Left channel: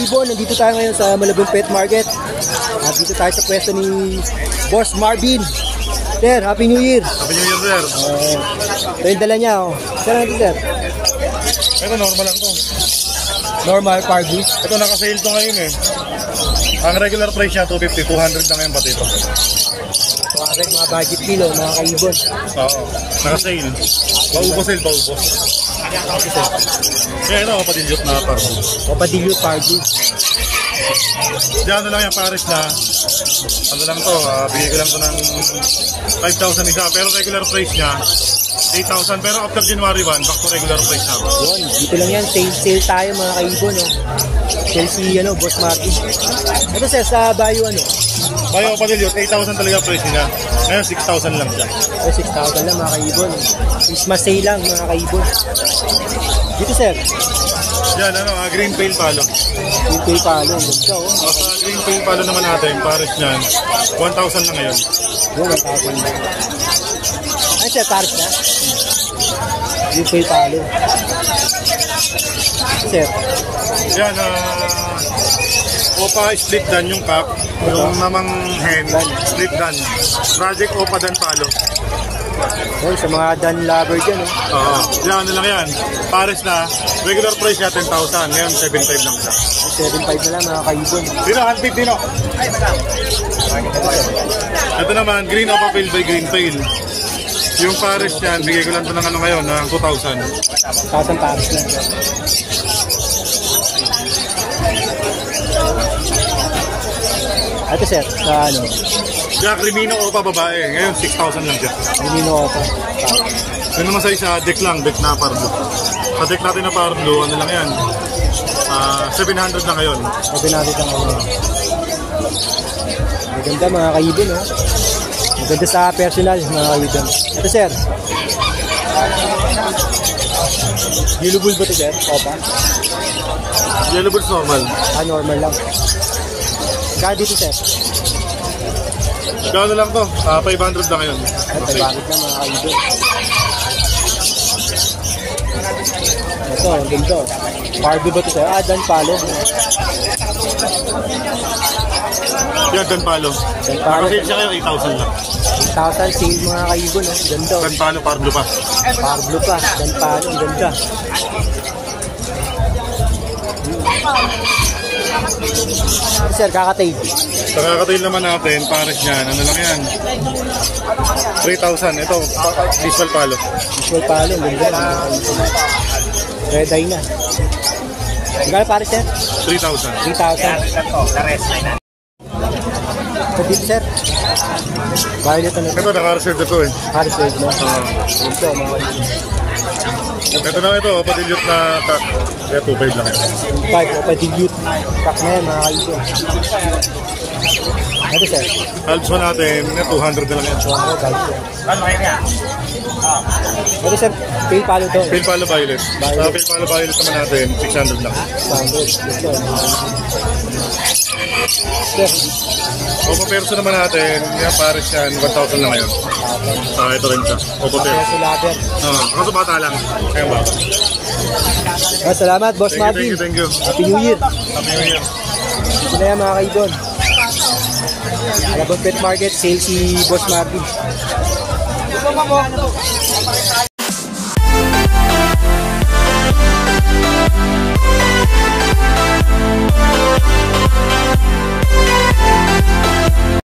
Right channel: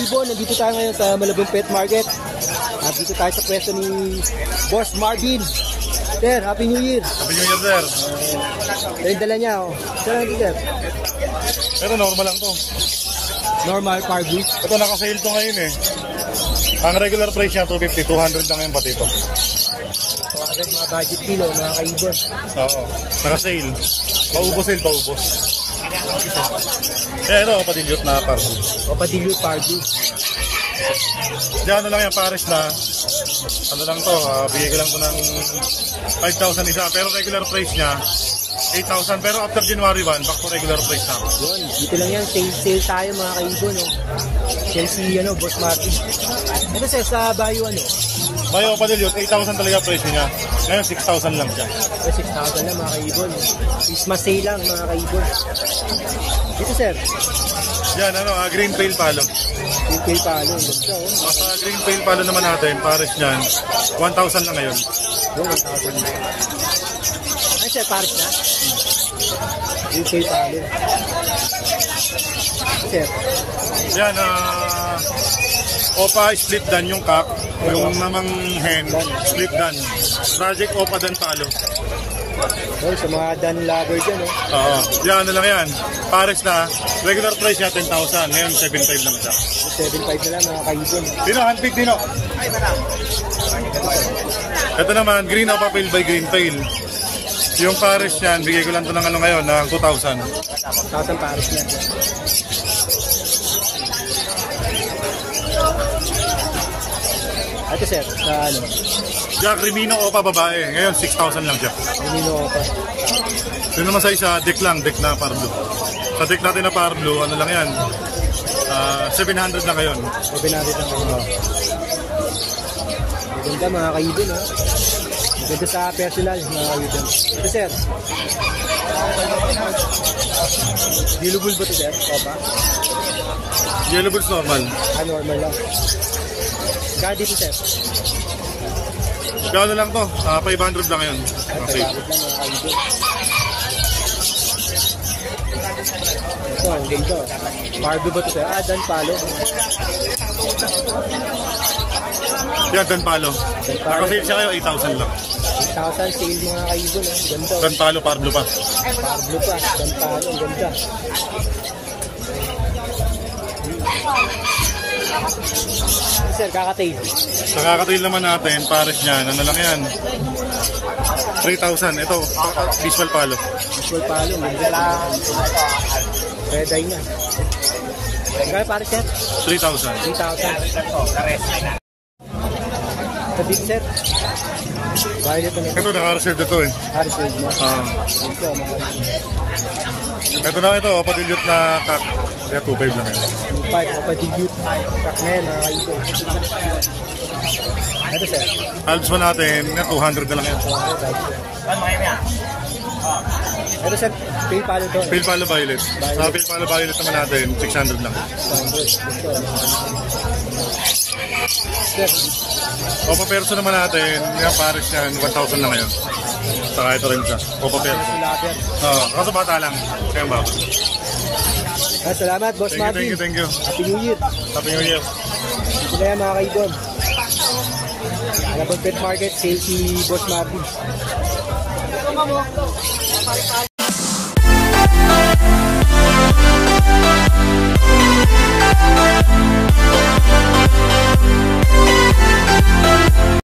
kaibon, nandito tayo ngayon sa Malabon Pet Market. At dito tayo sa pwesto ni Boss Marvin. Sir, Happy New Year! Happy New Year, sir! Ito yung dala niya, oh. Saan natin, sir? Pero normal lang to. Normal, Pargus. Ito, naka-sale to ngayon eh. Ang regular price niya, 250, 200 na ngayon pati to. Mga budget kilo, mga kaibon. Oo, naka-sale. Paubos sale, paubos. Eh, ito, patilyot na pa. O padilyot, Pargus. Diyan na lang yung pares na. Ano lang to, bigay lang to ng 5,000 isa. Pero regular price niya, 8,000. Pero after January 1, back to regular price na. Yun, dito lang yan. Sale tayo mga kaibon. Oh. Sale si Boss Marvin. Ito sir, sa Bayo Bayo patilyot, 8,000 talaga price niya. Ngayon, 6,000 lang siya. 6,000 lang mga kaibon. Christmas sale lang mga kaibon. Dito sir. Yan, green tail palo. Green tail palo. Ganda oh. Sa green tail palo naman natin, pares niyan, 1,000 lang ngayon. 1,000 lang. Ay sir, pares na? Green tail palo. Sir. Yan, Opa split dan yung cup, yung namang hen, split dan. Project Opa dan palo. Oh, sa mga dan lover dyan, oh. Oo, yan, ano lang yan. Pares na, regular price niya 10,000, ngayon 7,500 lang siya. 7,500 na lang mga kaibon. Dino, handpick Dino. Ito naman, green Opa Pail by Green Pail. Yung pares niyan, bigay ko lang ito ng ngayon, ng 2,000. 1,000 pares lang. Ito sir, sa Jack Rimino Opa babae, ngayon 6,000 lang siya. Rimino Opa. Yun naman sa isa, deck lang, deck na parlo. Sa deck natin na parlo, ano lang yan, 700 lang ngayon. 700 lang mga. Maganda mga kaibon, oh. Maganda sa personal mga kaibon. Ito sir. Yellow bull ba ito sir? Opa? Yellow bulls normal. Normal lang. Kaya dito sir? Gano'n lang to, 500 lang ngayon. Ito, bakit yung mga kaibon? Ito, ganito. Pargo ba ito sir? Dan palo. Yan, Dan palo. Nakasave siya kayo, 8,000 lang. 8,000 sale mga kaibon, oh. Ganito. Dan palo, parlo pa. Pargo pa, dan palo, ganda. Sir, kakatail. Sa kakatail naman natin, pares niyan, ano lang yan, 3,000. Ito, visual palo. Visual palo, ganda. Red eye na. Magkano pares niya? 3,000. 3,000. Ito dito sir. Violet na Ito, naka-reserve ito eh. Reserve mo. Ito, mga ito na ito, patilyot na kak. Kaya 2,500 lang yan. 5 o patilyot. Pack na yan mga kaibon. Ito sir. Halbs natin, 200 na lang yan. Ano kayo na? Ito sir, pale palo to. Pale palo violet. Sa pale palo violet naman natin, 600 lang. Sir. Opa perso naman natin, yung pares yan, 1,000 lang ngayon. Saka ito rin siya. Opa perso. Kaso bata lang. Kaya bata. Salamat, Boss Marvin. Thank you. Happy New Year. Happy New Year. Ito na yan mga kaibon. Malabon Pet Market, sale si Boss Marvin.